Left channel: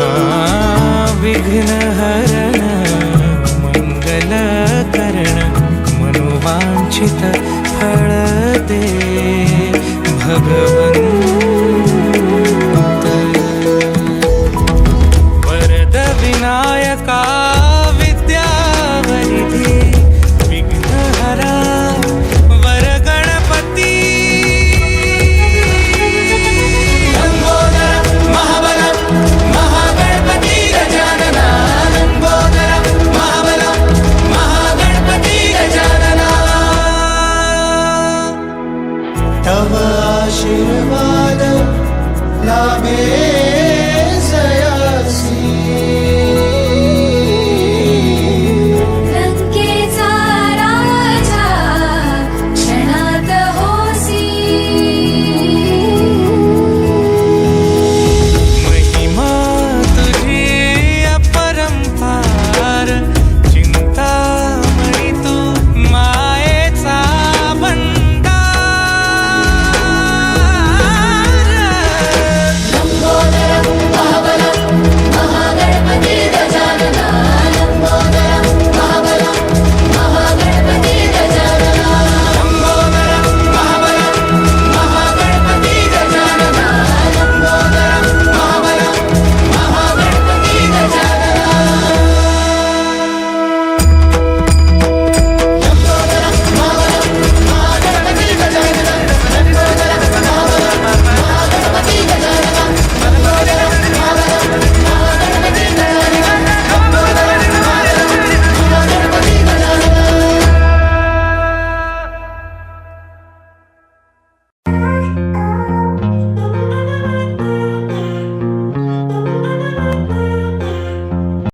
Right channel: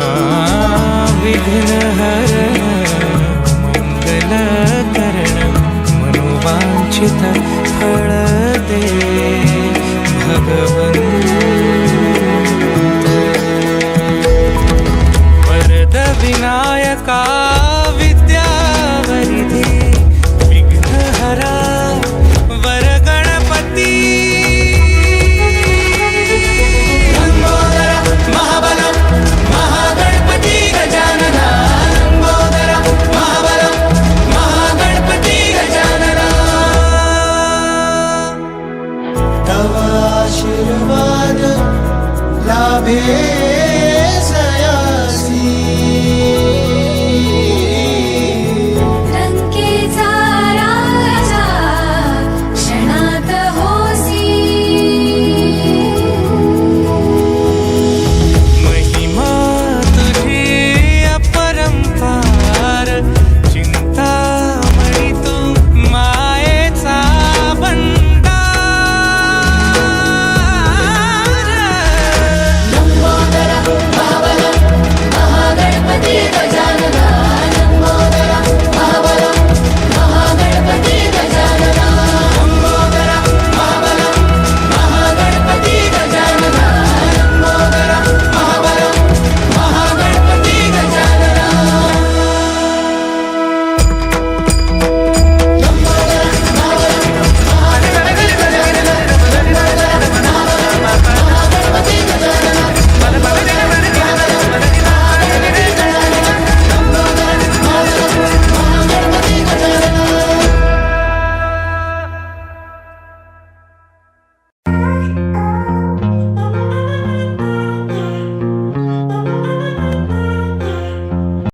हा विघ्न हरण मंगल करण मनोवांछित फळ दे. भगवंत. वरद विनायका विद्यावरिधी. na mesa.